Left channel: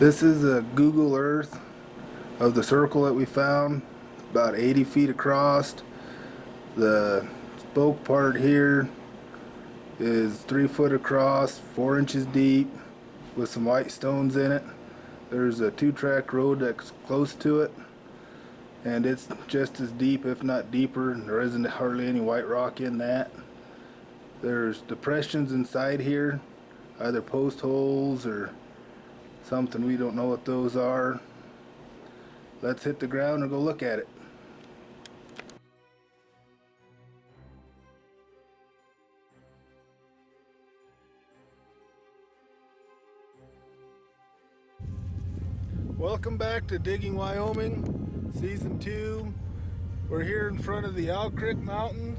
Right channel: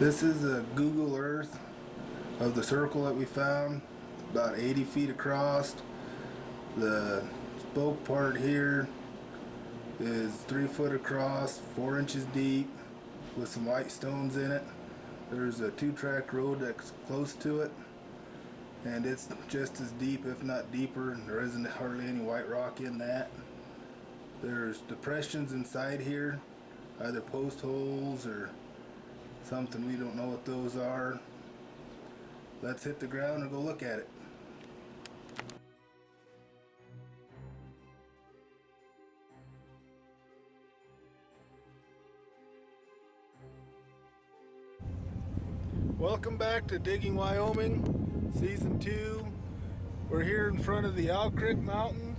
This is a Google Earth of the circle that we found, about 80 feet across. The spoke part here is 3 foot across, 4 inches deep, with some white stones in it. There's a 2-track road that's close to it, and it's just as deep, if not deeper. There isn't hardly any white rock in that. There's depressions inside here, either post holes or something. We don't know what those are. Let's hit the ground and go look at it. Welcome back to Digging Wyoming, Season 2. We're here in front of the Owl Creek Mountains,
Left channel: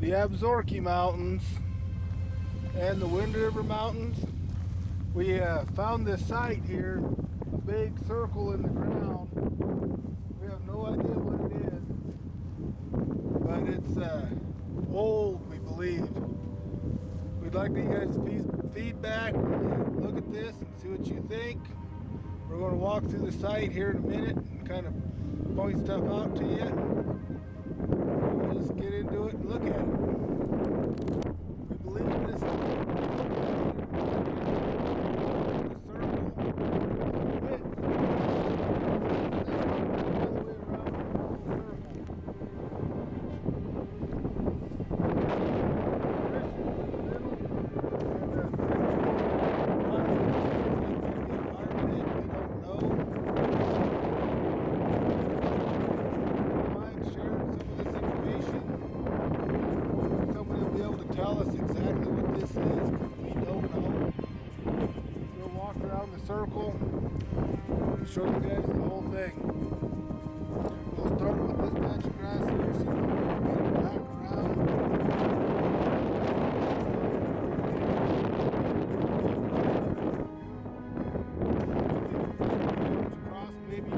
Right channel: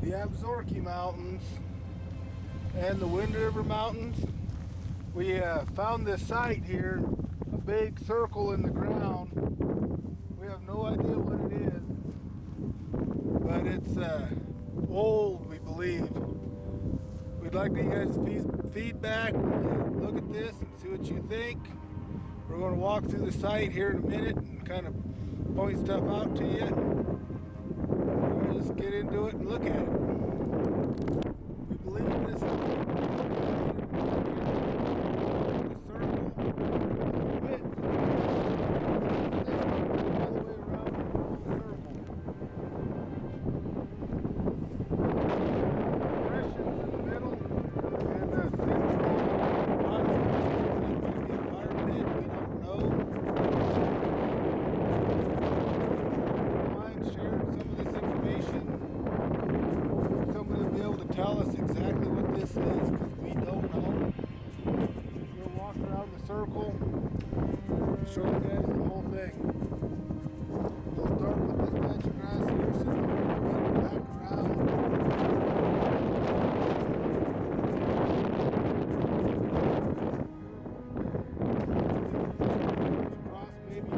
the Absaroka Mountains, and the Wind River Mountains. We found this site here, a big circle in the ground. We have no idea what it is, but it's old, we believe. We'd like to get you guys' feedback when you look at this and see what you think. We're going to walk through the site here in a minute and kind of point stuff out to you. All right, let's get into it and look at it. We believe this tell us exactly what this is, because we don't know. We'll walk around the circle and show you guys the whole thing. We'll start with this patch of grass here, so we'll get back around. Across maybe.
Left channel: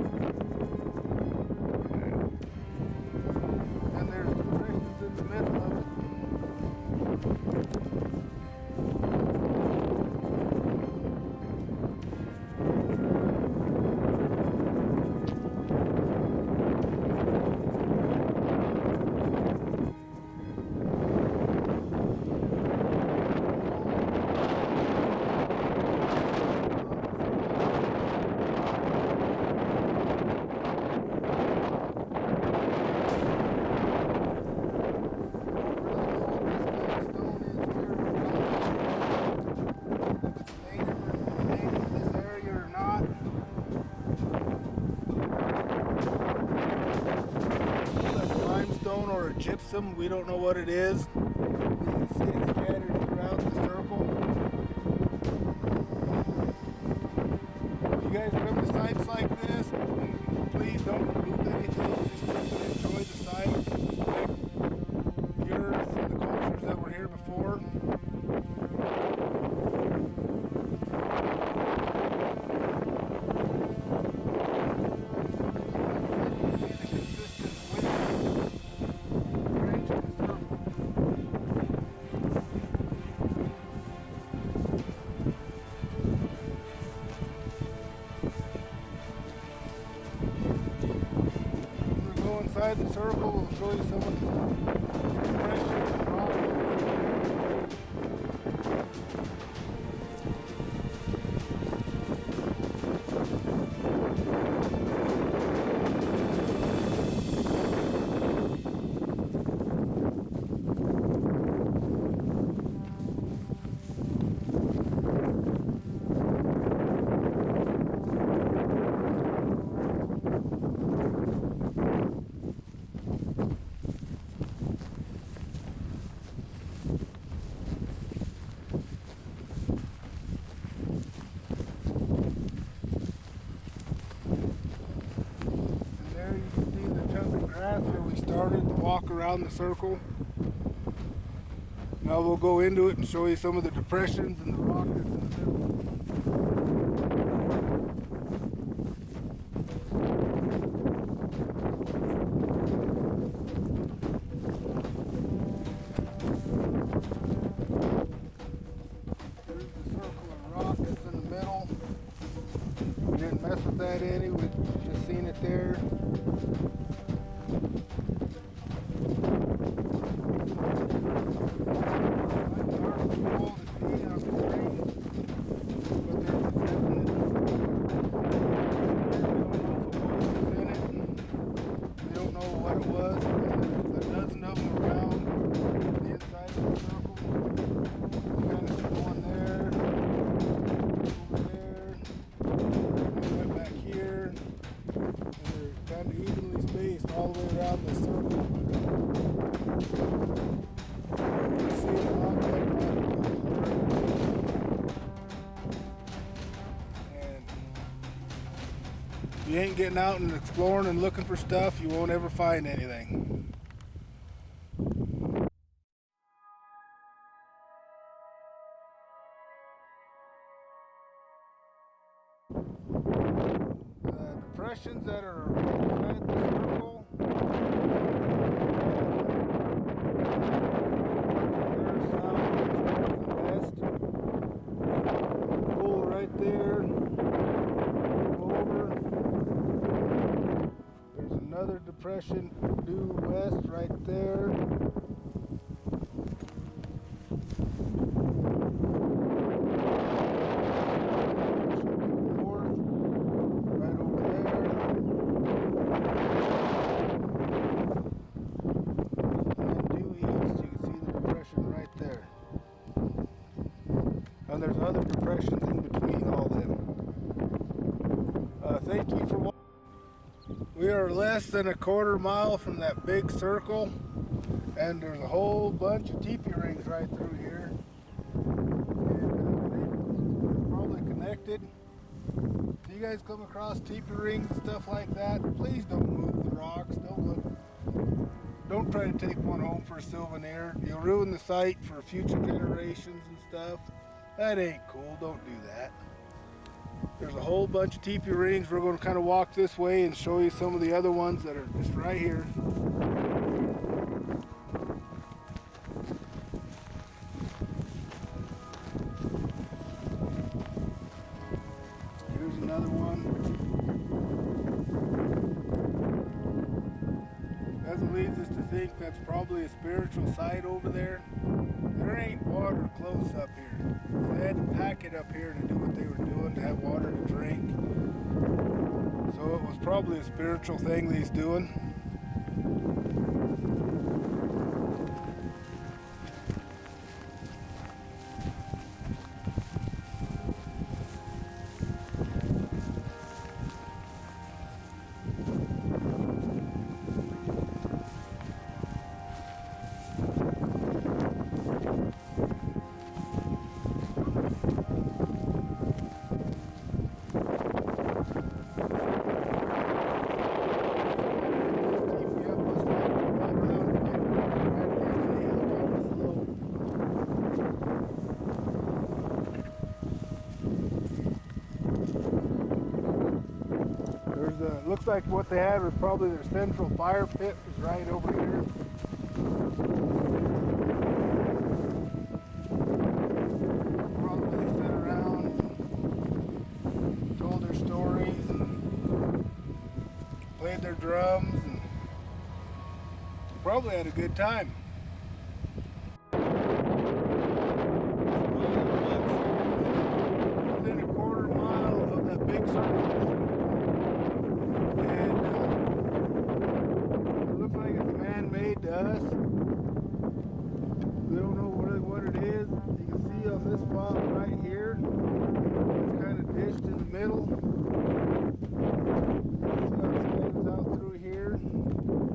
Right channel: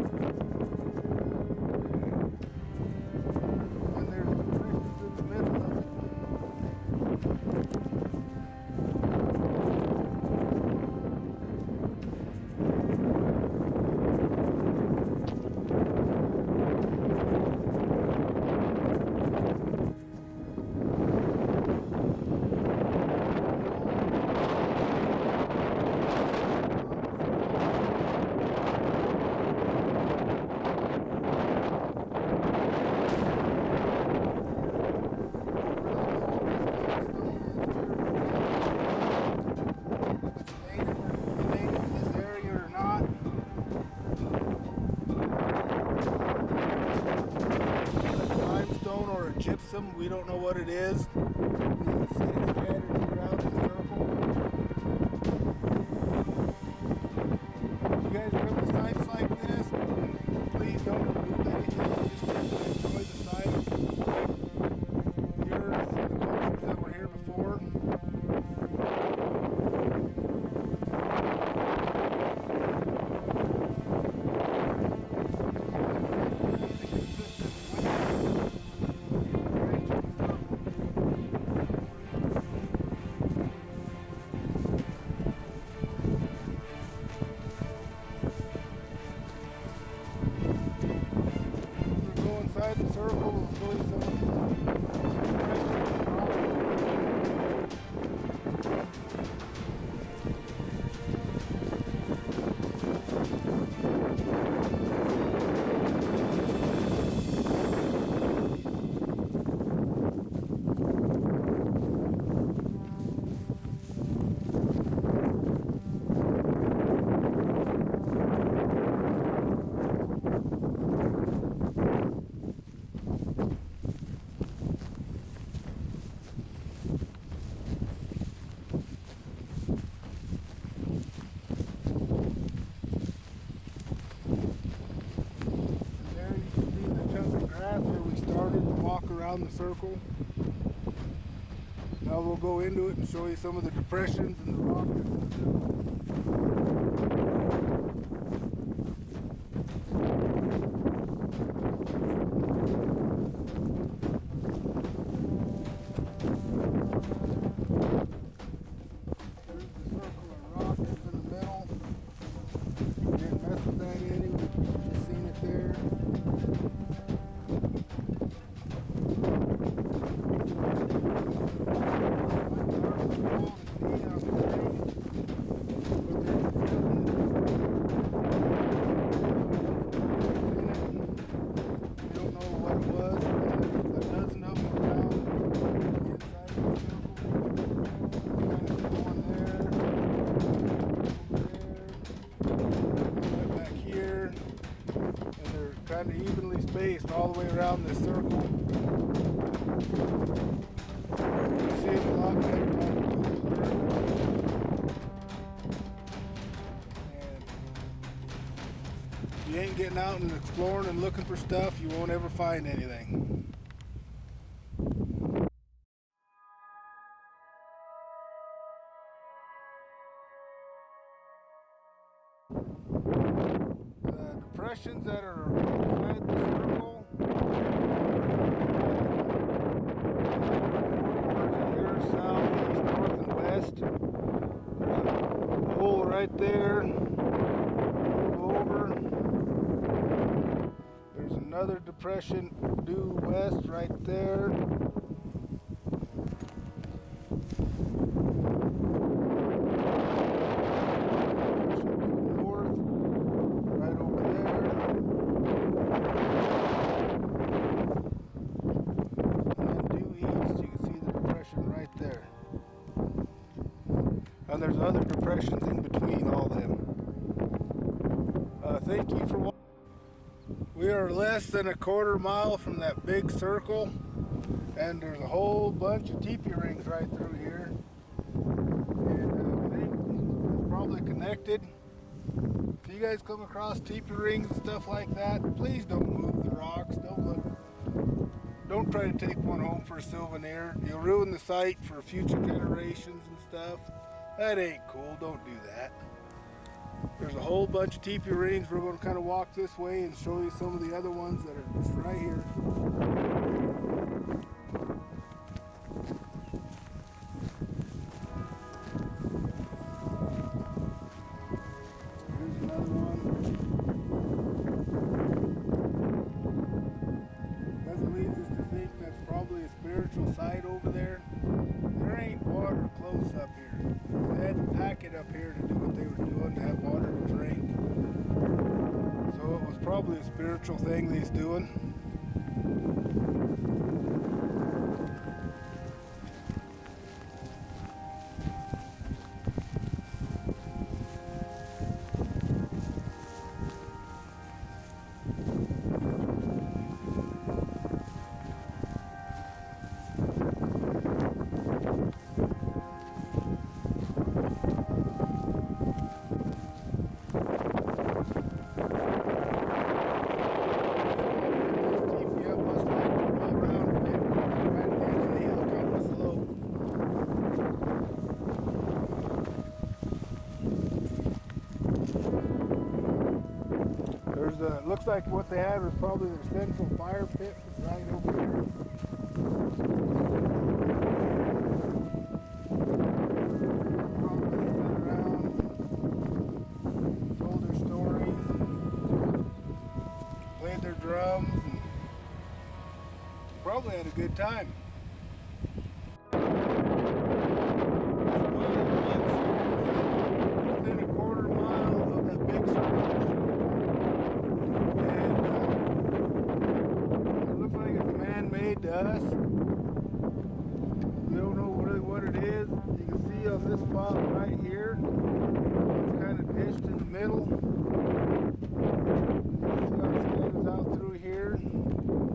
And there's depressions in the middle of it. Or a gypsum, we don't know what it is. You can see it scattered throughout the circle. If you guys come to sites like this, please don't remove anything, just sit and enjoy the sites, respect the earth and the cultures that were here before. Inside the circle, we'll show you some of the depressions and rocks. Where we started to walk around the circle. Now we'll go into it and show you some of the depressions and the rock that's in the middle. There's the circle of rock that's in the middle. mess with that any. We've just seen it there. What it was, and there's a dozen of them around the inside of the circle. You kind of see one there, over there, one right back here, and they're kind of evenly spaced all the way around this circle. You can see them a lot better off Google Earth. And if you ain't getting out and exploring and looking for stuff, you won't ever find anything. The depressions that are inside the circle, 4 corners here, south, east, north, and west. There's a hole right there. Move over. There's another depression due west right there. North, right over there. And then due east, you can see the depression right there. And there's other depressions in between all them. Thank you for watching. We are less than a quarter mile from that big circle, and there's a whole bunch of teepee rings right through here. And I think it's probably connected. If you guys come across teepee rings and stuff like that, please don't move the rocks. Don't try to take one home for a souvenir. You'll ruin the site for future generations and stuff. That ain't cool. Don't do that. There's a whole bunch of teepee rings. We're going to kind of walk this way and show you some of the other ones that are just right here. Here's another one. That leads us to think that's probably a spiritual site over there. There ain't water close up here. So they had to pack it up here to do what they were doing, to have water to drink. So it was probably a spiritual thing that he's doing. Looks like what they had was probably their central fire pit was right over here. Probably they sat around, told their stories, and played their drums, and probably had a good time. Within a quarter mile of that big circle. Man-made to us. We don't know really what it is. You can see on this spot right here, it's kind of dished in the middle. You can see how it scans out through here.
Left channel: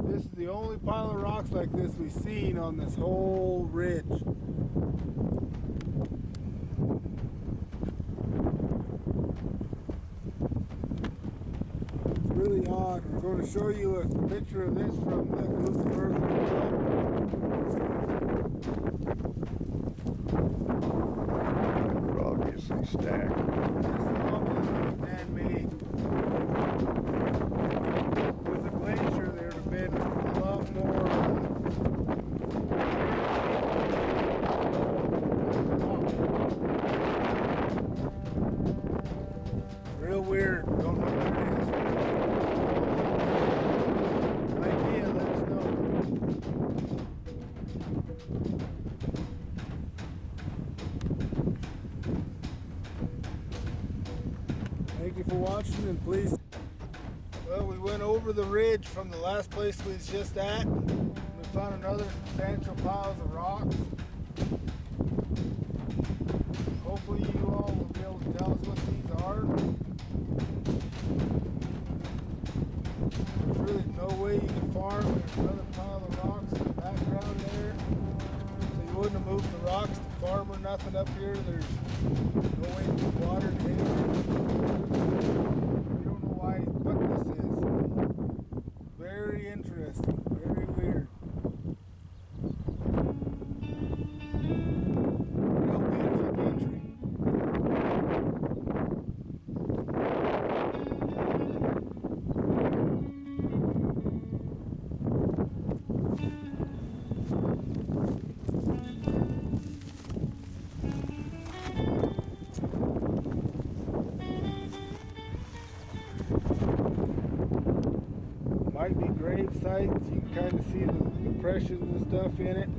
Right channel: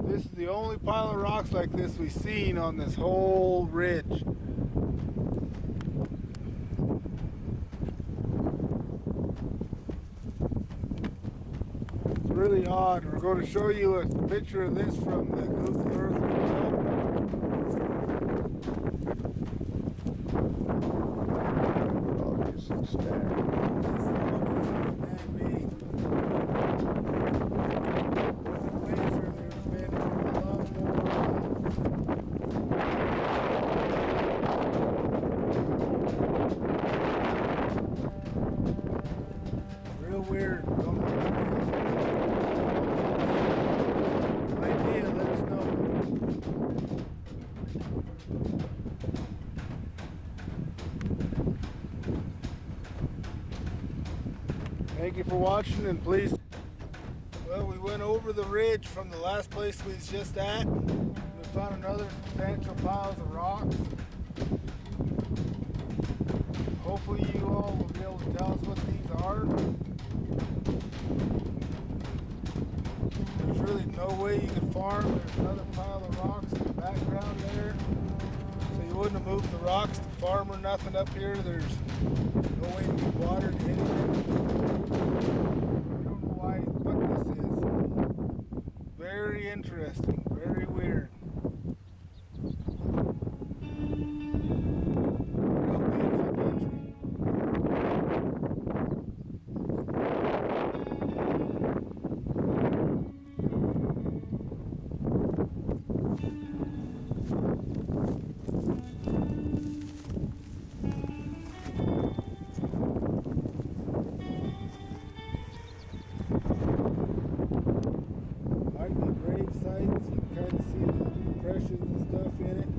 This is the only pile of rocks like this we've seen on this whole ridge. Really odd. We're going to show you a picture of this from the Google Earth as well. They're obviously stacked. This is obviously man-made. With the glacier, there would have been a lot more Real weird. Don't know what it is. Idea, let us know. Thank you for watching, and please. Well, we went over the ridge from the last place we was just at. We found another substantial piles of rocks. Hopefully you all will be able to tell us what these are. There's really no way you can farm. There's another pile of rocks in the background there. So you wouldn't have moved the rocks to farm or nothing up here. There's no way to get water to anything. We don't know what this is. Very interesting, very weird. Real beautiful country. Might be grave sites. You can kind of see the depressions and stuff in it.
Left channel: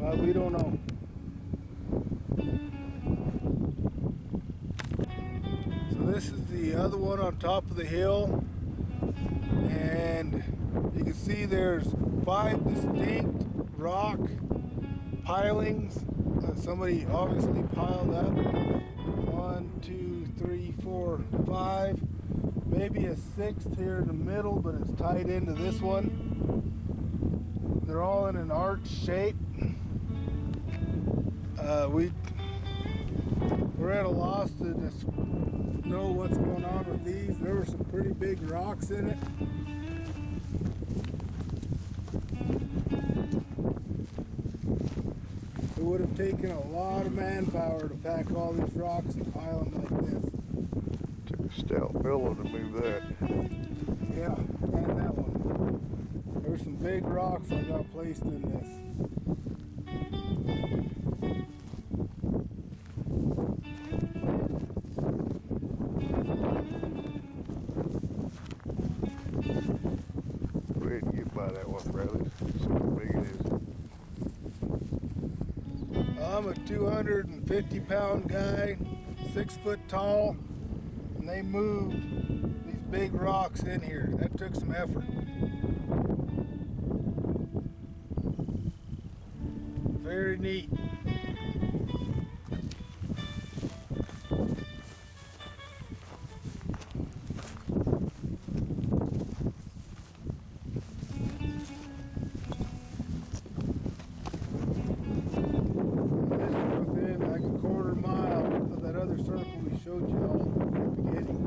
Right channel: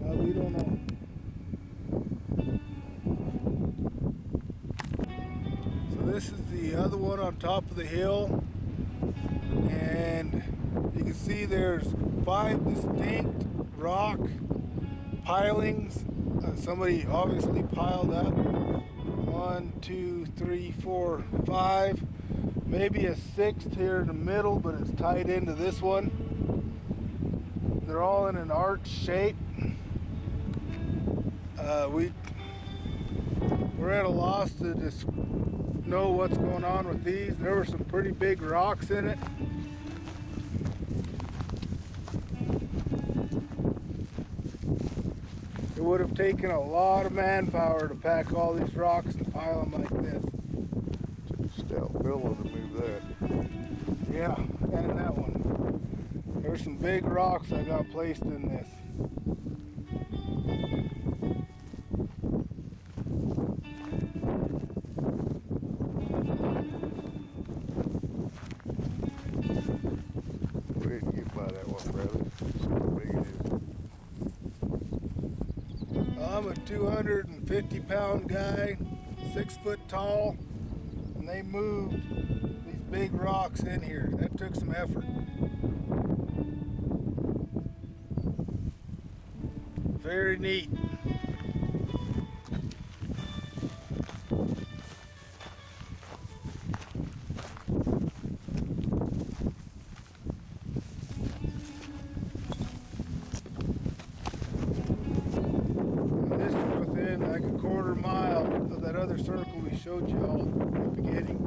Well, we don't know. So this is the other one on top of the hill, and you can see there's 5 distinct rock pilings. Somebody obviously piled up. 1, 2, 3, 4, 5. Maybe a 6th here in the middle, but it's tied into this one. They're all in an arch shape. We're at a loss to just know what's going on with these. There were some pretty big rocks in it. It would have taken a lot of manpower to pack all these rocks and pile them like this. Took a stout fellow to move that. Yeah, and that one. There's some big rocks I got placed in this. Go ahead and get by that one, Bradley. See how big it is. I'm a 250-pound guy, 6 foot tall, and they moved these big rocks in here. That took some effort. Very neat. This is within like a quarter mile of that other circle we showed you all at the beginning.